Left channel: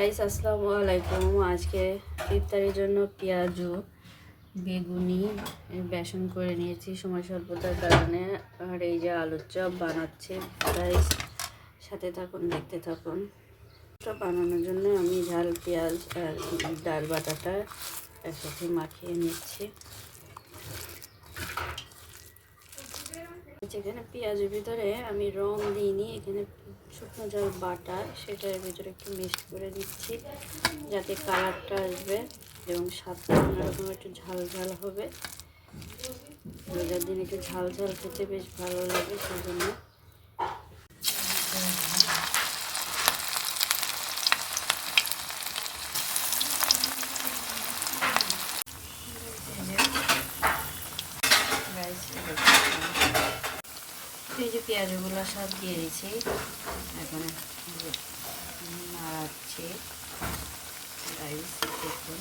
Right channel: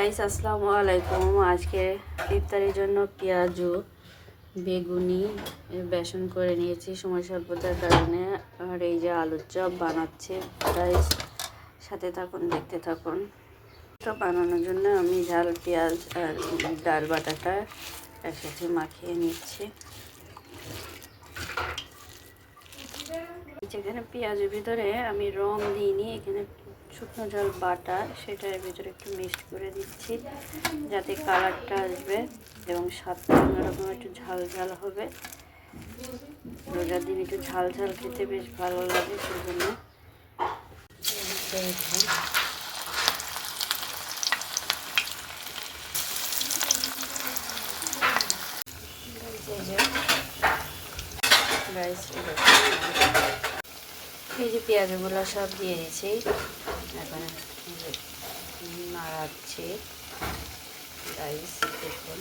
Guys আসসালামু আলাইকুম। আজকে ইফতারের জন্য পেঁয়াজু বেগুনি বেসন করে নিয়েছি সময় স্বল্পতার কারণে। আর এই যে আলুর চপ বানাচ্ছে। গাইস সাথে থাকুন, দেখতে থাকুন। চপ বানানোর জন্য আমি ঝাল পেঁয়াজ আর ডাল বাটাটা একসাথে মাখিয়ে নিচ্ছি। যেখানে পেঁয়াজের ভিতরে আমি রং দিইনি, এখানে শুকনো ঝাল বাটা সেটার ভিতরে একটু মিক্সড করে দিচ্ছি যাতে কালারটা আসবে এবং স্বাদটা অন্যরকম একটু ঝাল ঝাল হবে। রোজার দিন একটু ঝাল ঝাল খেতে বেশ ভালো লাগে, সেজন্য এই যে পেঁয়াজগুলো সব দিয়ে দিয়েছি। এখন নাড়াচ্ছি। রাইস দেখুন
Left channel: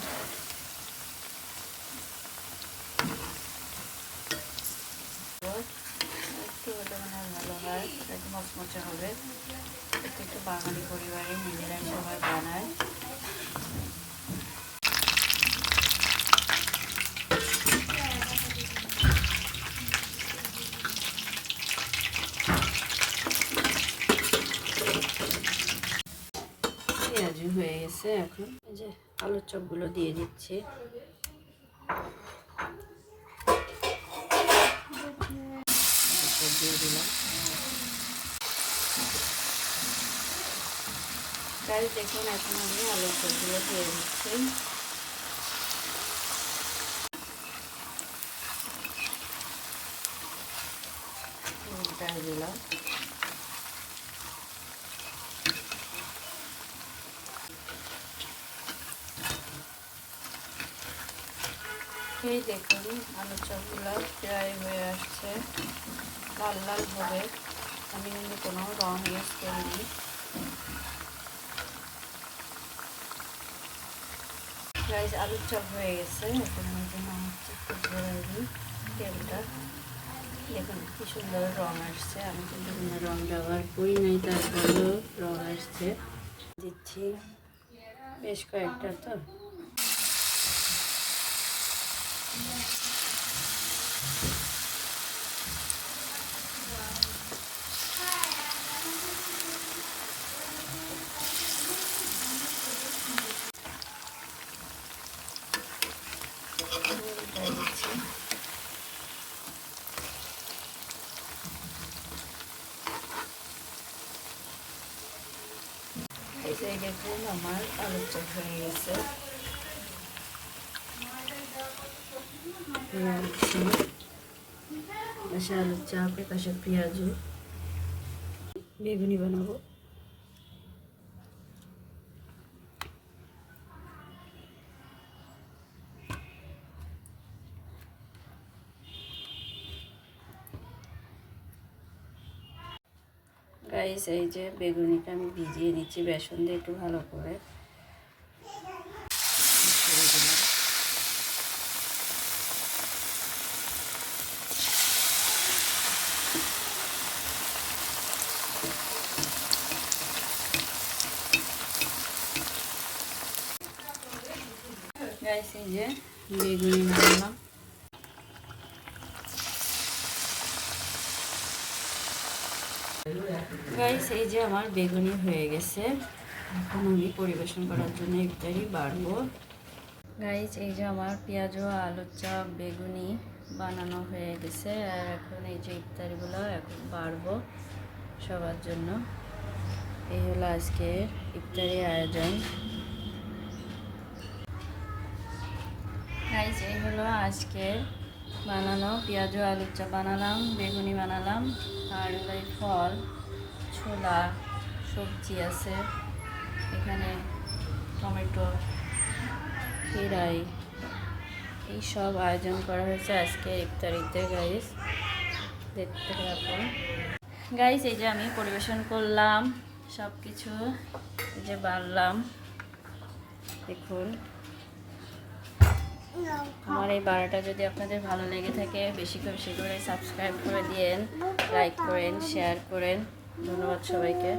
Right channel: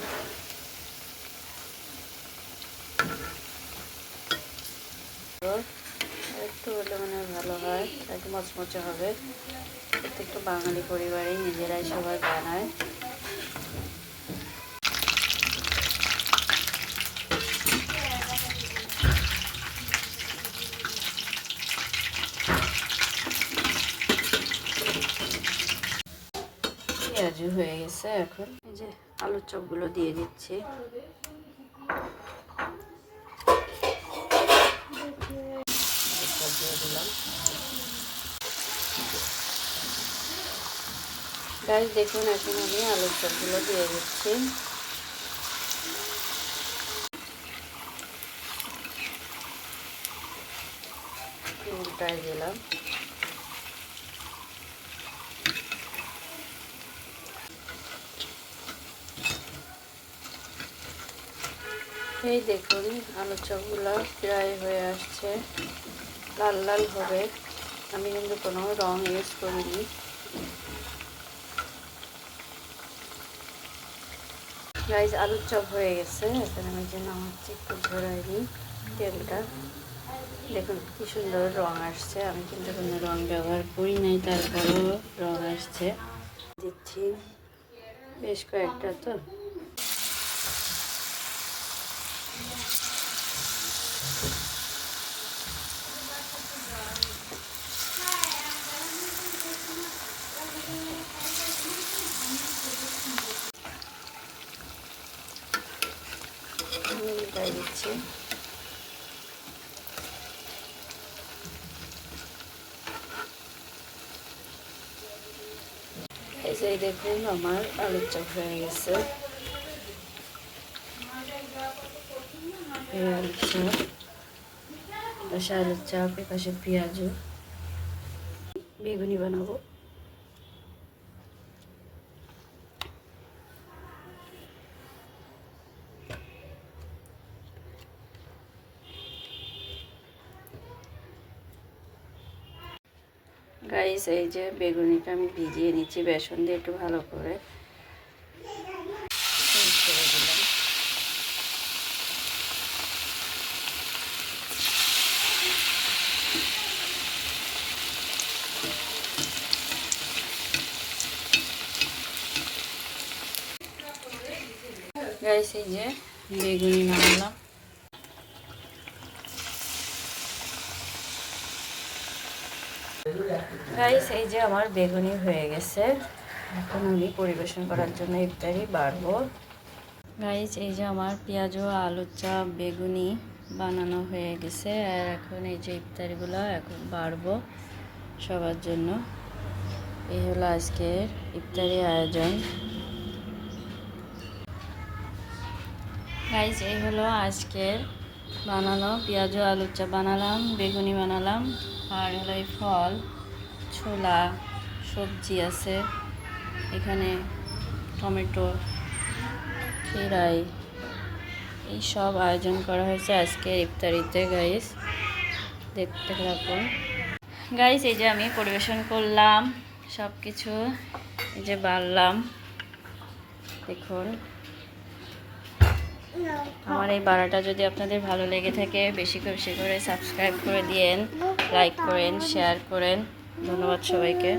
একটু হলে মানে ভালো হয়, একটু মচমচে হবে। একটু বাঙালি পরিবারে নিজেরাই সবাই বানায়। পেঁয়াজ হয়ে গেছে, এখন এই যে আলুর চপগুলো দিয়ে দিচ্ছি। দিয়ে দিলাম। গাইস দেখুন, এখন আমি আলুর চপগুলো দিয়ে দিচ্ছি। উল্টায় দিলাম। এই দেখুন আলুর চপগুলো প্রায় হয়ে আসছে, লাল লাল হবে। আমি কিন্তু কোনো রং ইউজ করিনি। গাইস আলুর চপ হয়ে গেছে। এখন আমি যে নামাচ্ছি, একটু ধরাই দিই তেলটা। দেখুন কি সুন্দর রং আসছে। আমি কিন্তু কোনো রং ব্যবহার করি নাই, তারপরেও রং আসছে। দিচ্ছি বেশ কয়েকটা। তো দিচ্ছি। এই যে দেখুন আমার আলুর চপ হয়ে গেছে। পাশে আলুর চপ, পাশে পেঁয়াজু বেগুনি বানাবো। গাইস এই যে বেগুনিটা আমি ভিজিয়ে নিচ্ছি বেসন দিয়ে একটু ভালো করে। গাইস এই যে বেগুনি বানালাম। গাইস এই যে আমার বেগুনি হয়ে গেছে। এখন আমি পরিবেশন করার জন্য ইফতারি বাড়বো। গাইস এই যে আমার পেঁয়াজ ও আলুর চপ বেগুনি বানানো হয়ে গেছে। আর এখন এই যে ইফতারিগুলো এখন বাড়বো সবার জন্য। এই হলো আজকের ইফতারি আয়োজন। গাইস এই হলো আজকের বানানো পেঁয়াজ ও আলুর চপ বানালাম, বেগুনি বানালাম। আর হলো এই ফল, ছোলা, সবজি আছে এখানে, টমেটো, খিরাই, এই সব আয়োজন করা হয়েছে আজকে ইফতারিতে। গাইস দেখতে থাকুন। গাইস এই যে আমি পরিবেশন করলাম সব কিছু, এই যে বাড়লাম। দেখুন আমার এই বাড়াটা যদি আপনাদের ভালো লেগে থাকে বেশি করে সাবস্ক্রাইব করে দিয়েন, লাইক করেন, শেয়ার করেন। ধন্যবাদ সবাইকে।